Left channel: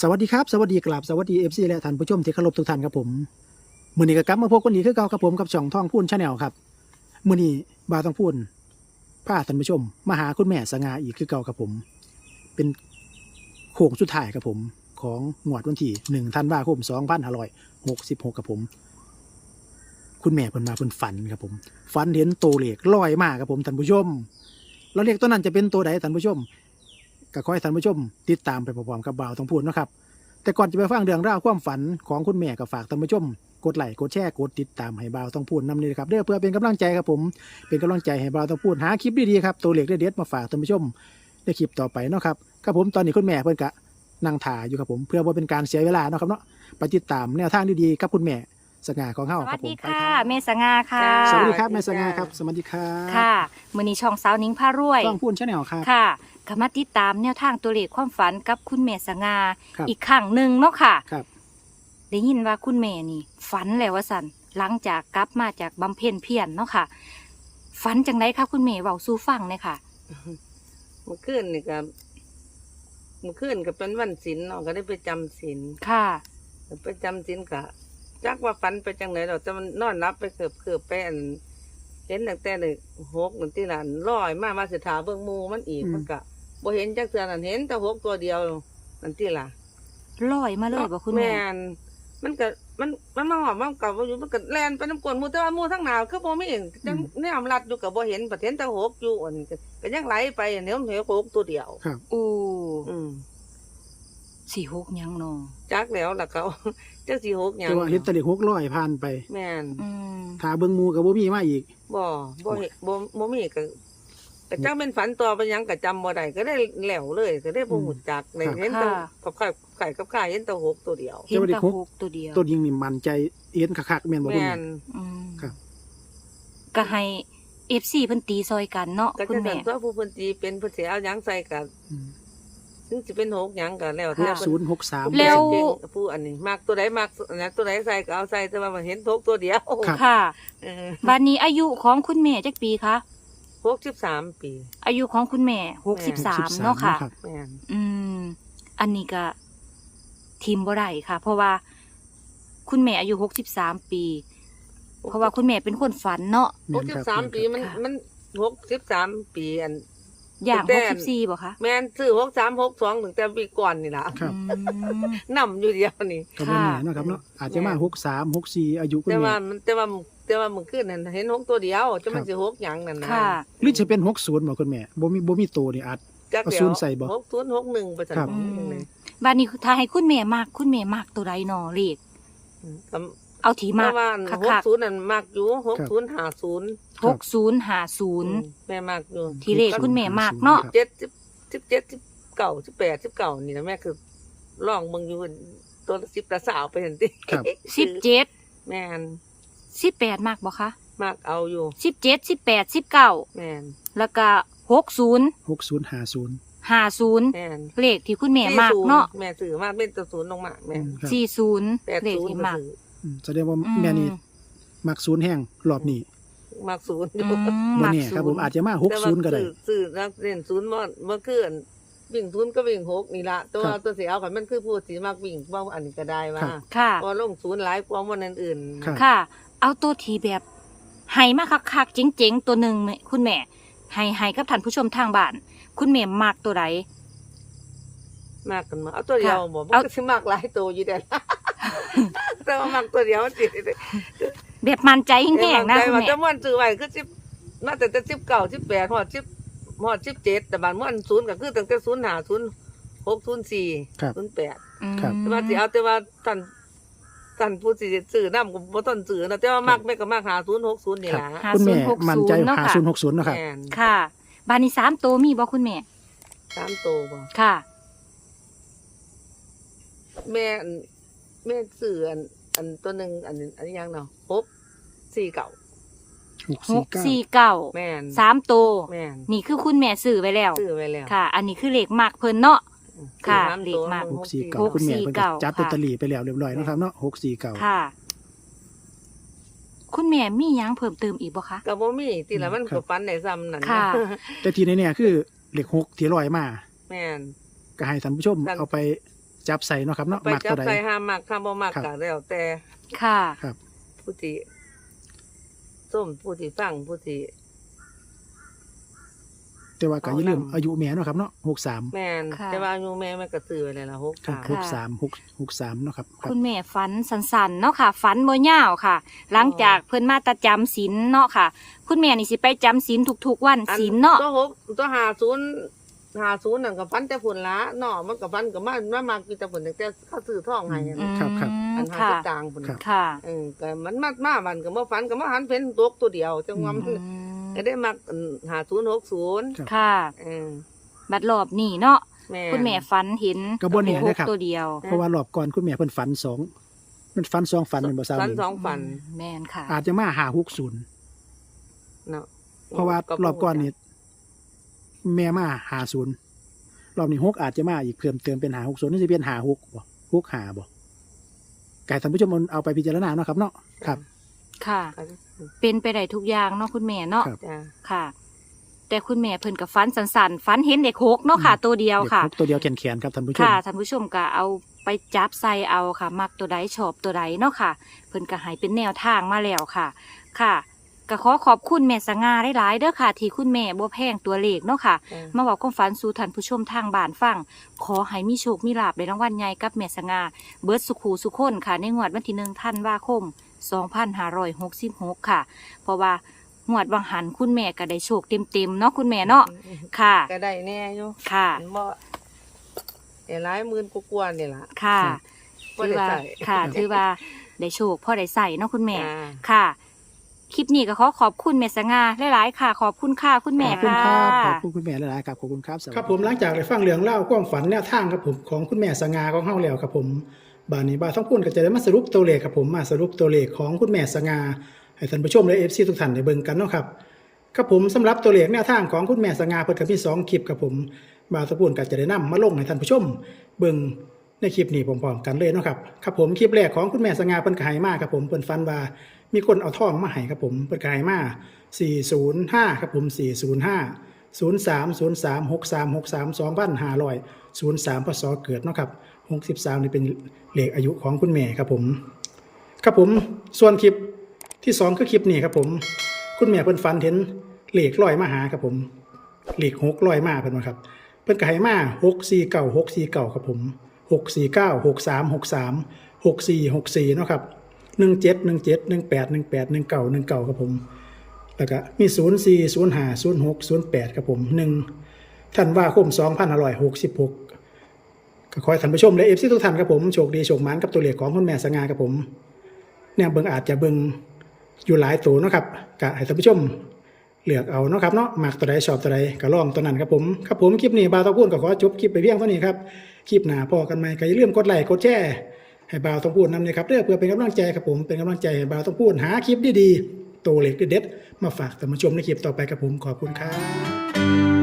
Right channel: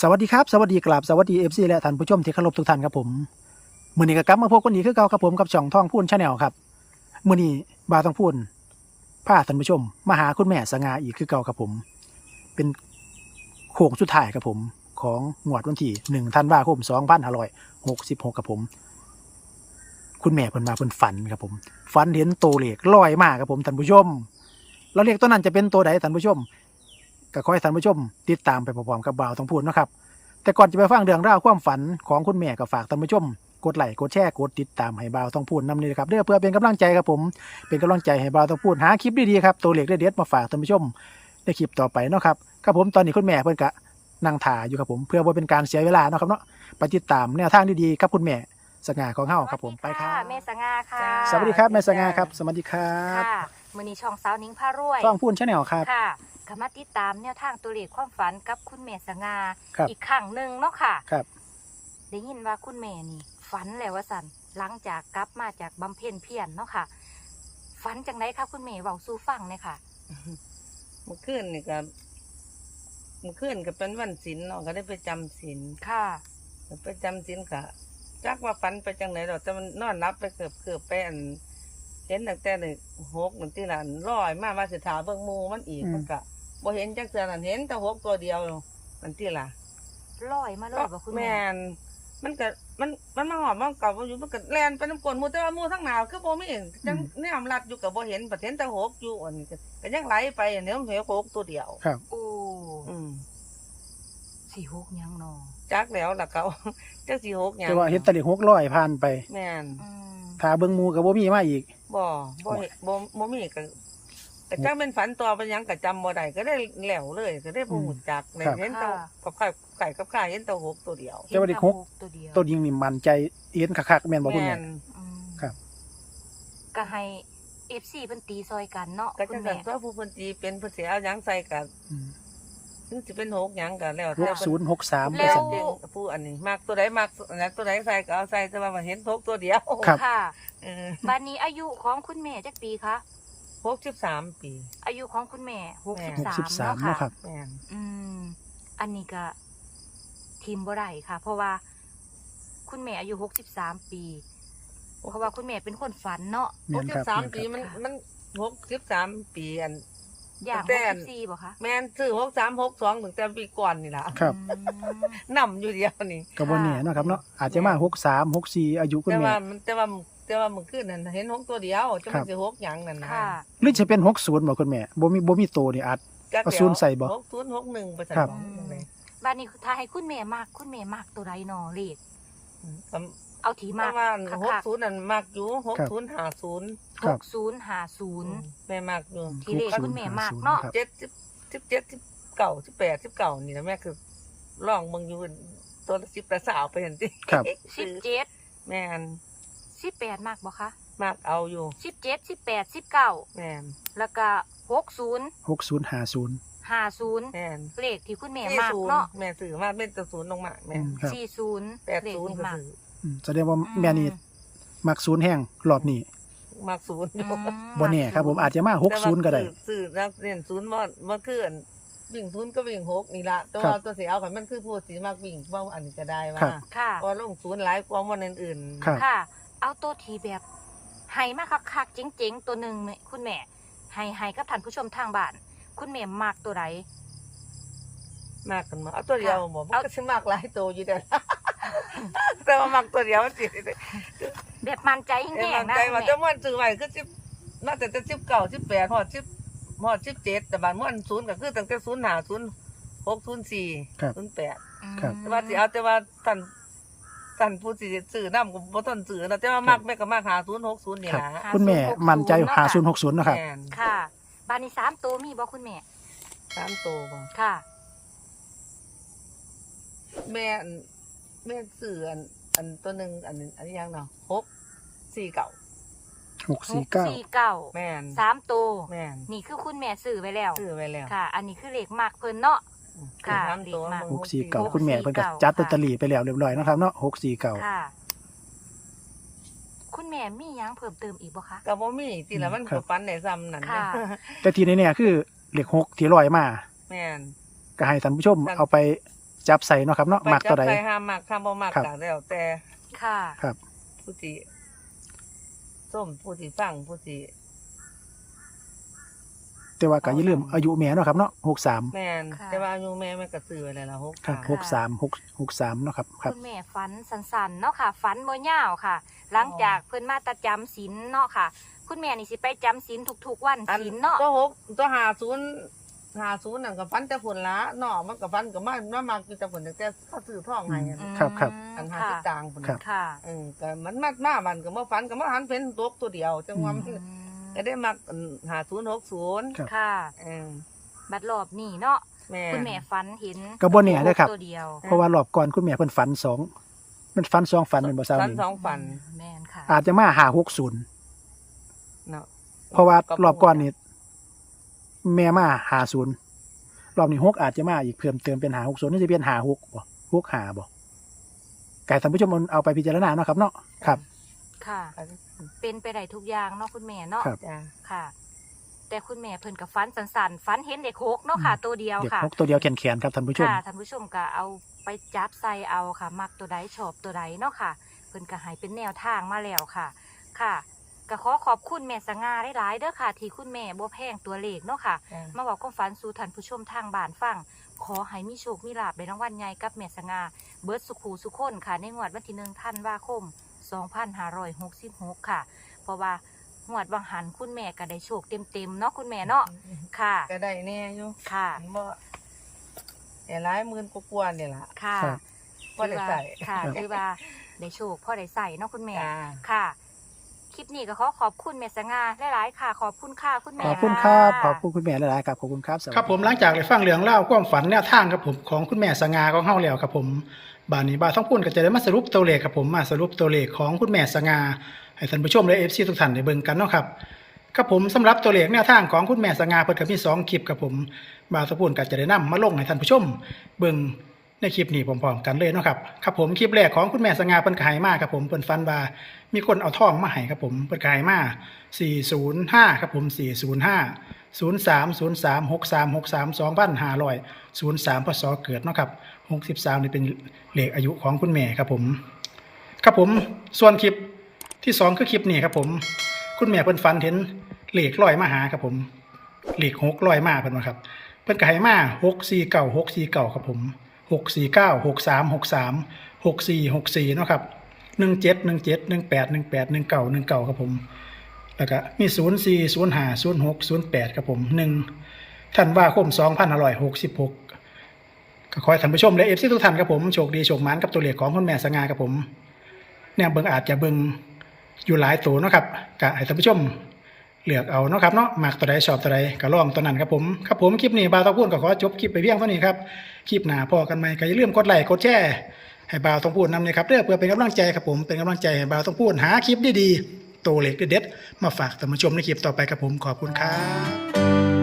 สวัสดีครับ สวัสดีกราบสวัสดีเอฟซีและท่านผู้ชมที่เคารพทุกท่านครับผมมือนี้ก็กลับมาพบกันอีกคือเก่าครับผมกับช่องท่องพูนชาแนลครับมือนี้บาต้องพูนพาท่านผู้ชม มาหาคุณแม่สง่าอีกคือเก่าครับผม เป็นโค้งสุดท้ายครับผม ของงวดวันที่หนึ่งธันวาคมสองพันห้าร้อยหกสิบหกครับผม คุณแม่เพิ่นมาเพิ่นฝันครับผมฝันเห็นโตวเลขลอยมากครับผมท่านผู้ชม แล้วเลขตัวนั้นจะเป็นตัวใดท่านผู้ชม ก็ขอให้ท่านผู้ชมติดตามไปพร้อมๆกับบ่าวต้องพูดนาะครับ แต่ก่อนจะไปฟังเรื่องราวความฝันของคุณแม่ก็ฝากท่านผู้ชม กดไลค์กดแชร์กดติดตามให้บ่าวต้องพูดนำนี่นะครับเด้อเพื่อเป็นกำลังใจครับผม เป็นกำลังใจให้บ่าวต้องพูดหาคลิปดีๆครับตัวเลขเด็ดๆมาฝากท่านผู้ชมในคลิปต่อไปเนาะครับครับผมตอนนี้คุณแม่เพิ่นก็นั่งถ่ายอยู่ครับผมเพื่อว่าเป็นการเสียเวลาเนาะครับเนาะไปติดตามแนวทางดีๆกับคุณแม่สง่าของเฮาสครัวับสผมดีไปคค่ะรับเมษงาค่ะจ้าสวัสดีครับแม่สง่าครับ สวัสดีครับค่ะมือนี้ช่องสาวนิ้งพารวยต้องพูดชาแนลครับค่ะ ก็มาติดตามแนวทางตัวเลขความฝันกับคุณแม่สงาครับอีกครั้งหนึ่งเนาะค่ะครับ ได้ยินว่าคุณแม่นี่ ฝันแล้วว่าสันหลังจากกลับมาจากบำเพ็ญเพียรเนาะค่ะ ฝันจังไรคะคุณแม่เว้าสู่ฟังเลยค่ะ เมื่อคืนนี่ก็เมื่อคืนก็เป็นวันศีลเนาะก็ได้ไปจำศีลค่ะ ไปจำศีลก็จักว่าฝันไปจังไหนดอกแต่มันนอนรับไปเกือบเกือบไปอันเห็นตั้งแต่เลยหกนั่นที่นั่นลอยมามาสิถาเบิ่งหมูมันอีกอืม มันก็ บ่เห็นจักเทื่อนั่นเห็นแต่หกตัวเดียวนั่นที่ล่ะลอยมาเลยบ่คุณแม่แม่นมันก็มันมันมาหอมมันเก่าบ่อยู่มันก็แล่นไปน้ำกลนหมูแต่ว่าหมูทั้งหนาวคือบ่มีจังแนมรัดอยู่ก็บ่เห็นประเห็นแต่หกอยู่อันนี้ก็ก็ยังไหลไปอันนี้มันเห็นหกตัวเดียวครับโอ้อืมสี่หกยังนอจักแล้วล่ะเขาจักสิหกหยังแต่ว่าเห็นแตะเลขหกร้อยผ่านไป แม่นอืมถ้าเบิ่งหมูกับบ่มีมาอีกบ่บ่เห็นบ่บ่มีก็ ก็จักเป็นฝันต่อไปหยังก็จำบ่ได้ก็ได้แหล้วเลย ก็ได้บ่ฮู้จักเลยครับเห็นแต่กับไข่ไข่กับไข่เห็นแต่หกตัวเดียวเห็นแต่ว่าเด็แต่กหกหกตัวเดียวตัวยิงนี่มันใจเอ็นคักๆแม่นบ่คุณแม่แม่นอืมครับ ก็ให้เอฟซีเพิ่นตีซอยกันเนาะก็คุจะณสัแม่นตัวผู้เพิ่นตีเป็นเพิ่นสิเอาหยังใส่ก็อืมถึงสิเป็นหกหยังก็แล้วหแต่กเพิ่นศูนย์หกสามผู้เก่งเก่งผู้อันนี้มักตัวใดมักอันนั้นตัวใดใส่ก็เอาใส่แต่ว่ามันเห็นหกตัวเดียวครับ ค่ะ เออ บัดนี้อายุของคุณแม่จักปีคะ 63ปี อายุของคุณแม่หกสิบหกสาสิบมสามเนาะค่ะนะครับแม่นอืม อันนี้ก็ทีมบ่ได้ค่ะ เพราะว่าคุณแม่อายุหกสิบสามปี เพราะว่าคุณแม่เป็นคนฝันเนาะแม่นครับ63ปีมันค่ะมัน63ปีอัน อย่างแต่หกสิบสี่บ่คะแม่นซื้อ63 62ถึงแต่ปีก่อนนี่ล่ะครับอืมนำอยู่เดียวนี่ก็บ่แน่เนาะครับเนาะอาจจะมาหกสามหกสี่อายุคุณแต่แม่ว่ามันแต่ว่า แต่ว่ามึงขึ้นนั่นเห็นหกตัวเดียวจะมัครันบสิหกหยังนั่นนะค่ะ หรือจะเป็นหกศูนย์บ่คุณแม่บ่มีบ่มีตัวนี่อาจจักเอาเดียศูวนย์ใส่บ่หกศูนย์หกหนึ่งไปใส่ครับบ่หนึ่งเลยบัดนี้ถ้าให้คุณแม่มากคุณแม่มากตัวใดเนาะเลขอืมก็เอาถีเพมากราะว่าคัหกกศูนย์นั่นมากอยู่หกศูนย์ห้าศูนย์คหรับกศูนย์ห้าศูนย์ แม่มากอยู่ที่เลขคุณแม่มากเนาะ ครับ เจ็ดสิบสิบเจ็ดสิบเก้าสิบแปดสิบเก้านี่นะแม่คือลองมึงอยู่ตัวละสิบละสาวไปเห็นติครับ สิบเจ็ดแม่น สิบแปดมากบ่คะมากเอาอยู่สิบเจ็ดสิบแปดสิบเก้าแม่นแล้วก็หกศูนย์หกศูนย์ห้าศูนย์ห้าศูนย์แม่นเลขที่คุณแม่สี่มากศูนย์เนาะแม่ซื้อมากเป็นตัวศูนย์ลงมาแม่นครับสี่ศูนย์แปดเลขศูนย์ที่ก็มากซื้ออืมแสดงว่าอืมแม่นี่มักศูนย์แห้งรอบนี้มากศูนย์ออืยู่มบ่แน่ครับผมอาจจะมาหกแต่ศูว่านย์ก็ได้สื่อสื่อนักเรียนศูนย์ว่าเมื่อคืนวิ่งศูนย์ก็วิ่งหกนี่ละแต่ว่าครับตัวเสียเอาขันมันคือผู้สีมากวิ่งว่าอันนี้ก็ได้ว่าครับค่ะพอลงศูนย์หลายกว่าวันอื่นๆครับค่ะ เอาตัวทีแบบให้มาคักๆเจ๋งๆ ตัวหนึ่งเนี่ยคุณแม่ให้ให้กับท่านผู้ชมทางบ้าน คุณแม่มากตัวใดมากกันมาเอาตัวเดียวค่ะบอกมันเอาก็สิมากหลายตัวอยู่เดียวแต่ว่ามากตัวเดียวสิแบบมันใจแห้เอ้ยงมันๆนะใจคุณว่าแม่จะม่วนซื้อไว้คือสิบน่าจะจะสิบเก้าสิบแปดหอดสิบหอดสิบเจ็ดแต่บานม่วนศูนย์ก็คือตั้งแต่ศูนย์หาศูนย์หกศูนย์สี่ครับศูนย์แปดอืมครับแต่ว่าสิเอาแต่ว่าท่าน ท่านผู้สิซื้อน้ำก็บ่ต้นซื้อนะแต่ว่ามากแม่ก็มากหาศูนย์หกศูนย์นี่ครับ ล่ะหาคุณแม่ศูนย์หกศูนย์มั่นใจเนาะหาค่ะศูนย์หกศูนย์นะครับ แม่นค่ะ บานนี้สามตัวมีบ่คุณแม่ สามโตบ่ค่ะ แม่อันแม่ซื้ออันอันตัวหนึ่งอันนี้อันนี้ยังเนาะหกสี่เก่าหกหสี่กเก้าสี่เก้าแม่นสามตัว แม่นนี่คือคุณแม่ซื้อไว้แล้ว ซื้อไว้แล้วค่ะ อันนี้คือเลขมากเพิ่นเนาะซื้อ ค่ะสามตัวเลขมากมันหกสี่เก้าหกคุณแม่สี่เพิ่นก็เก้าจัดค่ะลอตเตอรี่ไปแล้วเรียบร้อยเนาะครับเนาะหกสี่เก้าค่ะ คุณแม่มีหยังเพิ่มเติมอีกบ่คะก็บ่มีติละมันครัก็บฟันได้ซ้ำนั่นค่ะนะแต่ที่แน่ๆคือเลขหกที่ลอยมาแม่น ก็ให้ท่านผู้ชมนั่นเอาไปจับใส่เนาะครับเนาะไปมักจัตับวใด ใส่ห้ามมักคำบ่มักครับ ก็แล้วแต่ค่ะครับผู้ที่ส้มผู้ที่ฟังผู้ที่ แต่ว่าก็อย่าลืมอายุแม่เนาะครับเนาะ63แม่นค่ะ แต่ว่าอายุแม่มันก็ซื้อไว้แล้วล่ะหกครับสาม63 6 63เนาะครับครับ คุณแม่ฝันสันๆเนาะค่ะฝันบ่ยาวค่ะ หลังจากเพิ่นมาแตะจำศีลเนาะค่ะ คุณแม่นี่สิไปจำศีลทุกๆวันอันศีลเนาะตัวหกตัวหาศูนย์หาศูนย์นั่นก็ฟันแต่ผลละเนาะมันก็ฟันก็มามามากินแต่ผลแต่เขาซื้อทองให้อันอืมครับครับ อันหาค่ะสิบตังค์ผลครับ ค่ะ เออก็มันมามามันก็มาฟันก็มาหันเป็นตัวตัวเดียวจังว่ามัน อืม ก็ได้มาหาศูนย์หกศูนย์ครับ ค่ะ เออบัดรอบนี้เนาะแม่คุณแม่ฝันเห็นก็บ่แน่เด้อครับ ตัวเดียวเพราะว่ารอบก่อนคุณแม่เพิ่นฝันสองมันฝันสองฝันเป็นบ่ทราบฟันสองฟันแม่นค่ะ อาจจะมาหา60เนาะเพราะว่ารอบก่อนนี่แม่มาหาศูนย์รอบนี้หกอาจจะมาอีกเพิ่มเติมเป็นหาหกศูนย์นี่จะเป็นหาหกบ่หกหาบ่ไก่ท่านผู้ชมเอาไปพิจารณาเนาะครับเนาะครับ ค่ะ ก็เป็นไปได้ทุกอย่างเนาะคุณแม่เนาะครับ จ้ะค่ะ แต่คุณแม่เพิ่นกับฟันสันๆฟันเห็นเด็กหกเนาะค่ะ ตัวเดียวเด็กค่ะหกตัวเดียวแขนๆครับท่านผู้ชม ค่ะท่านผู้ชมก็เอาไปจับใส่เอาค่ะ มักตัวใดชอบตัวใดเนาะค่ะ เพิ่นก็ให้เป็นแนวทางมาแล้วค่ะ ค่ะก็ขอขอบคุณแม่สง่าหลายๆเด้อค่ะ ที่คุณแม่บ่แพงตัวเลขเนาะค่ะ จ้ะมาบอกความฝันสู่ท่านผู้ชมทางบ้านฟัง ขอให้มีโชคมีลาบในรางวัลใหญ่กับแม่สง่าเบิร์ดสุขูสุขคนค่ะ ในงวดวันที่หนึ่งท่านว่าคม 2566 ค่ะ เพราะว่างวดวังหันคุณแม่ก็ได้โชคเต็มๆเนาะคุณแม่เนาะค่ะ ก็ได้แน่อยู่ค่ะมันบ่แต่หลายหมื่นกว่าๆนี่ล่ะค่ะครับบ่ได้ใส่ค่ะถือว่าได้โชคพ่อได้ใส่เนาะคุณแม่จ้าค่ะ คลิปนี้ก็ขอขอบคุณแม่สง่าหลายๆค่ะ ขอบคุณค่ะคุณขแม่อบคุณครับะขอบคุณคุณแม่หลายๆครับขอบคุณครับสวัสดีครับผมหลังจากได้ฟังเรื่องเล่าวความฝันแนวทางครับผมของคุณแม่สง่าของเฮาแล้วครับผมบานนี้บาต้องพูดก็จะได้มาสรุปตัวเลขครับผมมาสรุปตัวเลขของคุณแม่สง่าให้ท่านผู้ชมและ FC ทุกท่านได้เบิ่งกันเนาะครับครับผมสำหรับตัวเลขแนวทางของคุณแม่สง่าเพิ่นก็มีสองคลิปครับผมบาต้องพูดก็จะได้นำมาลงให้ท่านผู้ชมเบิ่ง ในคลิปนี้พร้อมๆกันเลยนะครับครับผมคลิปแรกของคุณแม่สง่าเพิ่นก็ให้มาครับผมเพิ่นฟันว่ามีคนเอาทองมาให้ครับผมเพิ่นก็ให้มา405ครับผม405ศูนย์สามศูนย์สามหกสามหกสามสองพันห้าร้อยศูนย์สามพศเกิดเนาะครับหกสิบสามนี่เป็นเลขอายุของคุณแม่ครับผม ครับผมส่วนคลิปที่สองคือคลิปนี้ครับผม คุณแม่เพิ่นฝันเห็นเลขลอยมาหาครับผมเลขหกลอยมาเพิ่นว่าครับ เพิ่นก็ให้มาหกสี่เก้าหกสี่เก้าครับผม หกสี่เก้าหกสามหกสามหกสี่หกสี่เนาะครับหนึ่งเจ็ดหนึ่งเจ็ดหนึ่งแปดหนึ่งแปดหนึ่งเก้าหนึ่งเก้าครับผมแล้วก็มีศูนย์สี่ศูนย์ห้าศูนย์หกศูนย์แปดครับผมหนึ่งท่านว่าคมสองพันอร่อยหกสิบหกก็ขอให้ท่านผู้ชมและเอฟซีทุกท่านครับผมโชคดีโชคหมานกับตัวเลขของคุณแม่สง่าครับผมเนี่ยเบิ่งอาจจะเบิ่งอยู่หลายตัวนะครับก็ให้ท่านผู้ชม เลือกเอาเนาะครับเนาะมักตัวใดชอบตัวใดก็ลองตัวนั้นครับผมครับผมคลิปนี้บาวตองพูดก็ขอจบคลิปไปเพียงเท่านี้ครับคลิปหน้าพอกันไหมก็อย่าลืมกดไลค์กดแชร์ให้บาวต้องพูดนำเลยครับเด้อเพื่อเป็นกำลังใจครับผมเป็นกำลังใจให้บาวต้องพูดหาคลิปดีๆตัวเล็กเด็ดๆมาฝากท่านผู้ชมในคลิปต่อไปครับผมขอบคุณครับ